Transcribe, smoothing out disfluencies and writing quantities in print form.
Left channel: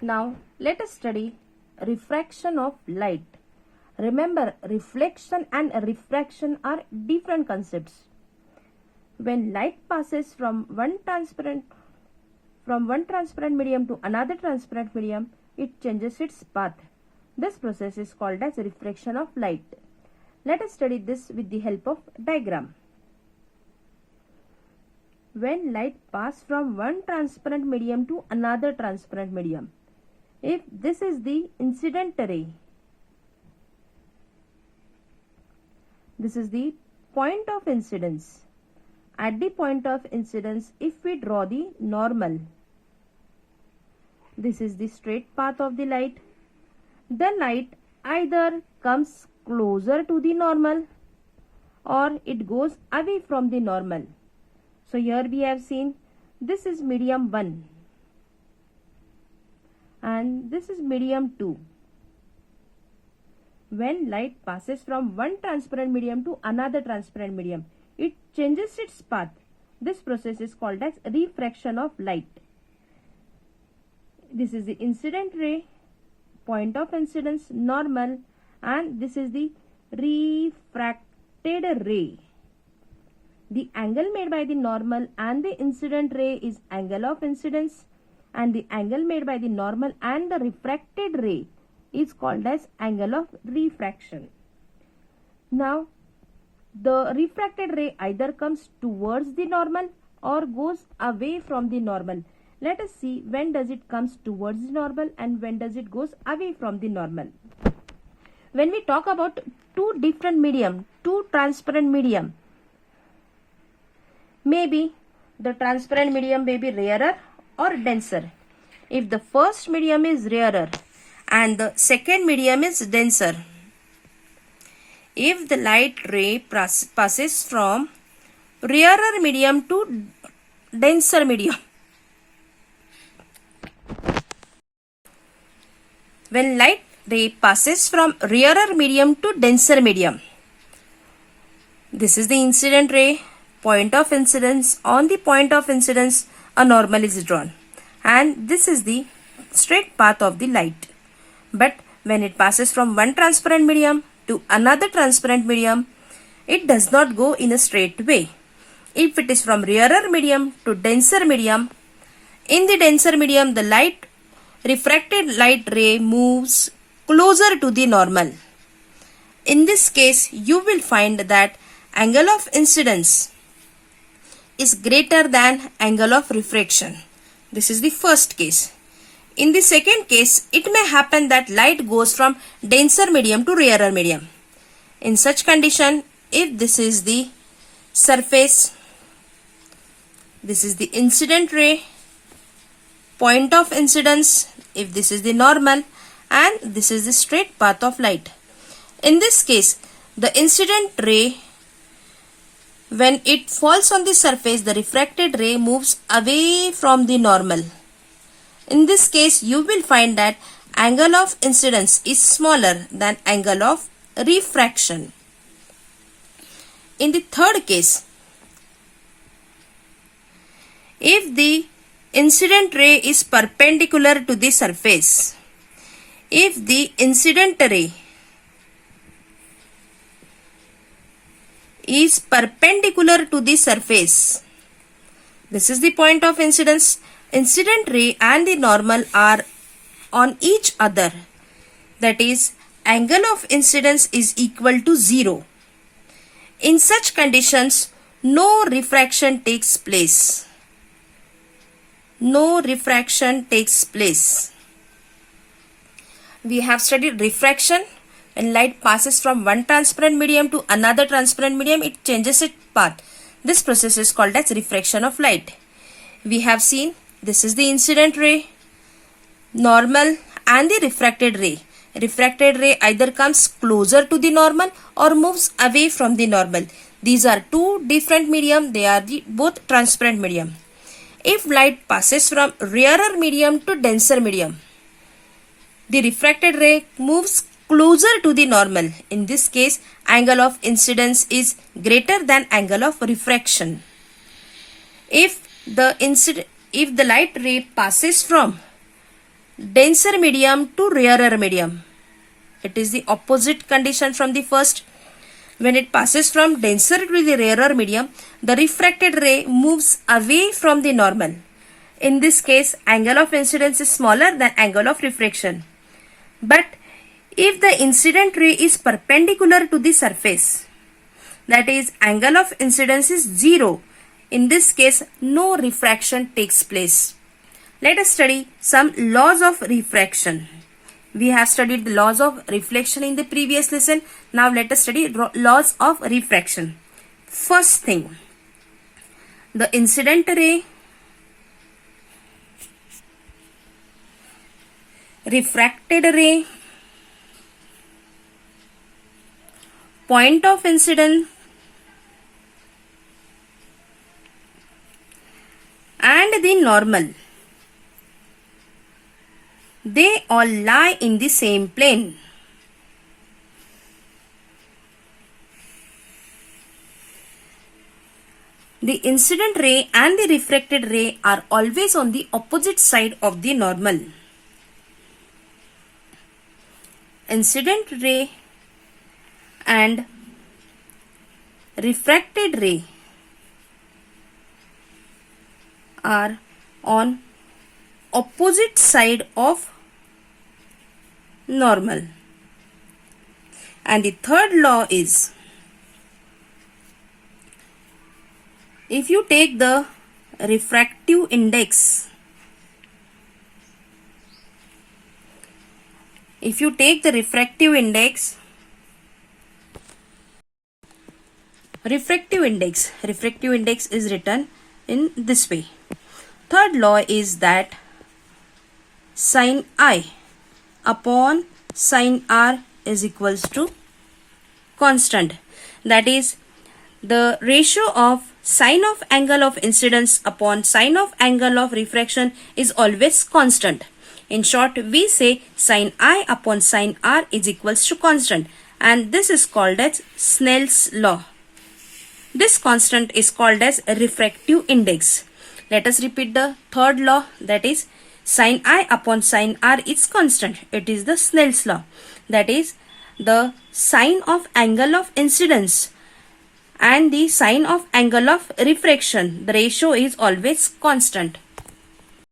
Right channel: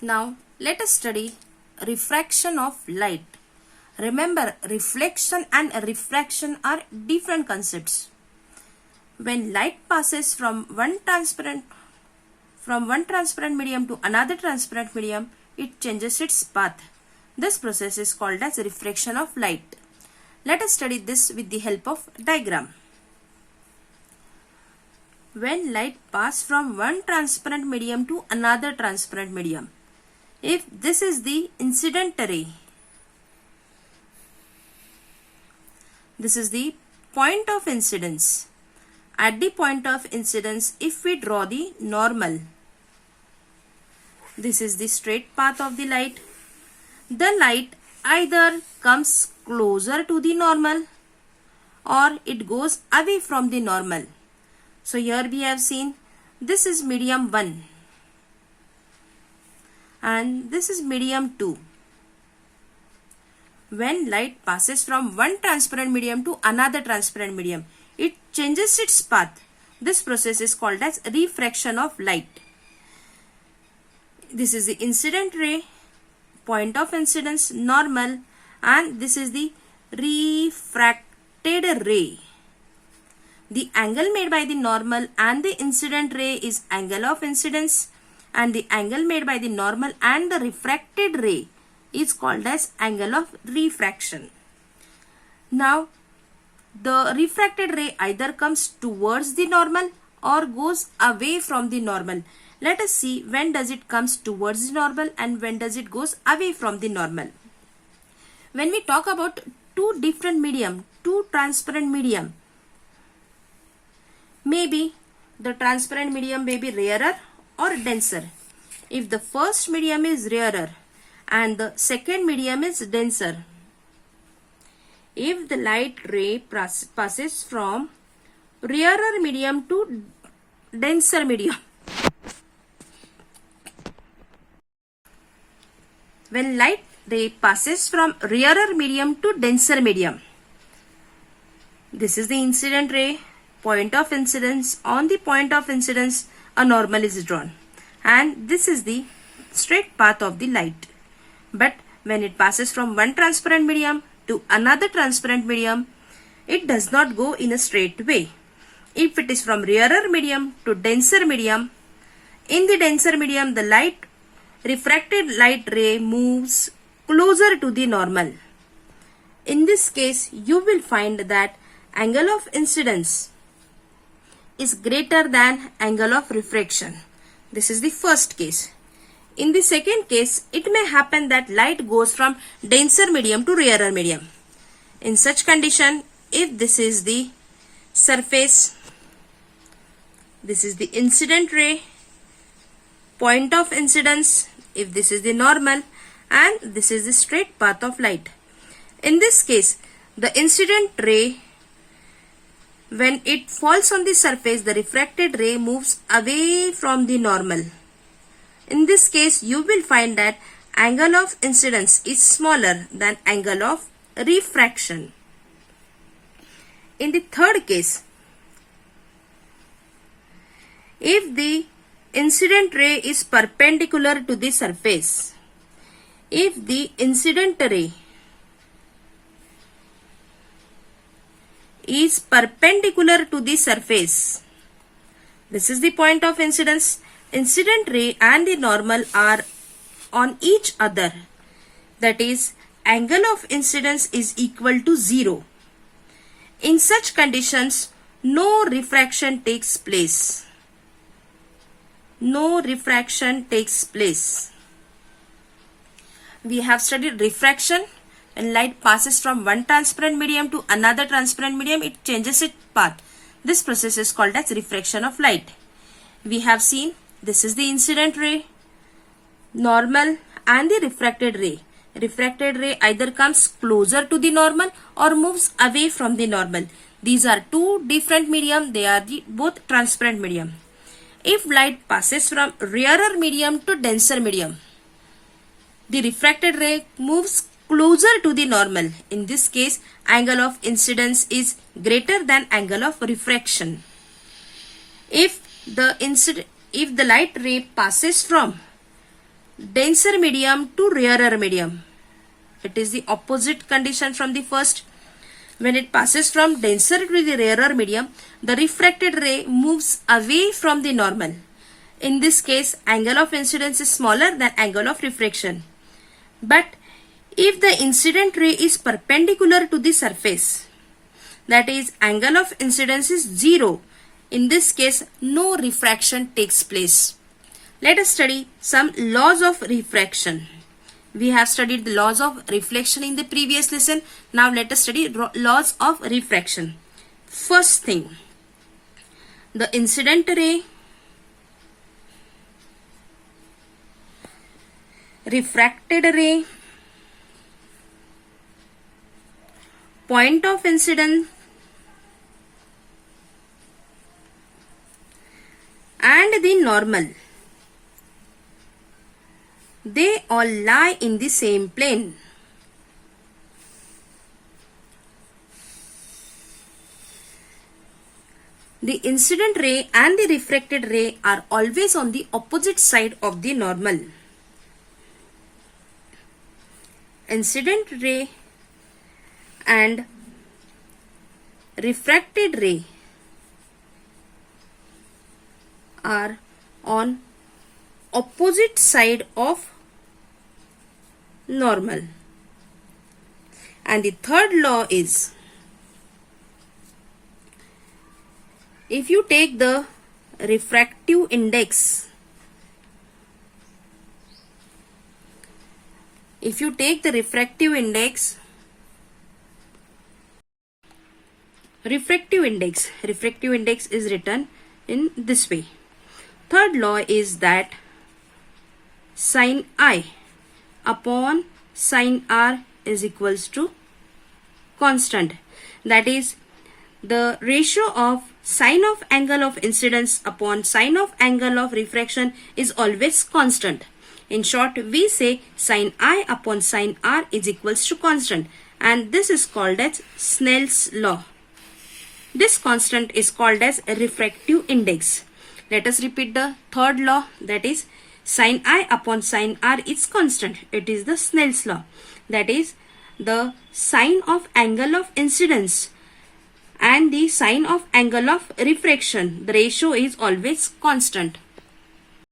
Now let us study refraction of light. Remember, reflection and refraction are different concepts. When light passes from one transparent medium to another transparent medium, it changes its path. This process is called as refraction of light. Let us study this with the help of diagram. When light passes from one transparent medium to another transparent medium, if this is the incident ray, this is the point of incidence. At the point of incidence, if we draw the normal, this is the straight path of the light. The light either comes closer to the normal or it goes away from the normal. So here we have seen this is medium 1 and this is medium 2. When light passes from one transparent medium to another transparent medium, it changes its path. This process is called as refraction of light. This is the incident ray, point of incidence, normal, and this is the refracted ray. The angle made by the normal and the incident ray is angle of incidence, and the angle made by the normal and the refracted ray is called as angle of refraction. Now, the refracted ray either comes towards the normal or goes away from the normal. Let us see when does it comes towards the normal and when does it goes away from the normal. When we talk about two different medium, two transparent medium, maybe the transparent medium may be rarer or denser. If the first medium is rarer and the second medium is denser, if the light ray passes from rarer medium to denser medium, when light ray passes from rarer medium to denser medium, this is the incident ray, point of incidence. On the point of incidence, a normal is drawn, and this is the straight path of the light. But when it passes from one transparent medium to another transparent medium, it does not go in a straight way. If it is from rarer medium to denser medium, in the denser medium the refracted light ray moves closer to the normal. In this case, you will find that angle of incidence is greater than angle of refraction. This is the first case. In the second case, it may happen that light goes from denser medium to rarer medium. In such condition, if this is the surface, this is the incident ray, point of incidence, if this is the normal, and this is the straight path of light. In this case, the incident ray, when it falls on the surface, the refracted ray moves away from the normal. In this case, you will find that angle of incidence is smaller than angle of refraction. In the third case, if the incident ray is perpendicular to the surface, if the incident ray is perpendicular to the surface, this is the point of incidence, incident ray and the normal are on each other, that is, angle of incidence is equal to 0. In such conditions, no refraction takes place. No refraction takes place. We have studied refraction. When light passes from one transparent medium to another transparent medium, it changes its path. This process is called as refraction of light. We have seen this is the incident ray, normal, and the refracted ray. Refracted ray either comes closer to the normal or moves away from the normal. These are two different medium. They are both transparent medium. If light passes from rarer medium to denser medium, the refracted ray moves closer to the normal. In this case, angle of incidence is greater than angle of refraction. If the light ray passes from denser medium to rarer medium. It is the opposite condition from the first. When it passes from denser to the rarer medium, the refracted ray moves away from the normal. In this case, angle of incidence is smaller than angle of refraction. But if the incident ray is perpendicular to the surface, that is, angle of incidence is 0, in this case, no refraction takes place. Let us study some laws of refraction. We have studied the laws of reflection in the previous lesson. Now let us study laws of refraction. First thing, the incident ray, refracted ray, point of incidence, and the normal, they all lie in the same plane. The incident ray and the refracted ray are always on the opposite side of the normal. Incident ray and refracted ray are on opposite side of normal. And the third law is, if you take the refractive index, refractive index is written in this way. Third law is that sin I upon sin R is equals to constant. That is, the ratio of sine of angle of incidence upon sine of angle of refraction is always constant. In short, we say sin I upon sin R is equals to constant, and this is called as Snell's law. This constant is called as refractive index. Let us repeat the third law, that is sin I upon sin R is constant. It is the Snell's law. That is, the sine of angle of incidence and the sine of angle of refraction, the ratio is always constant.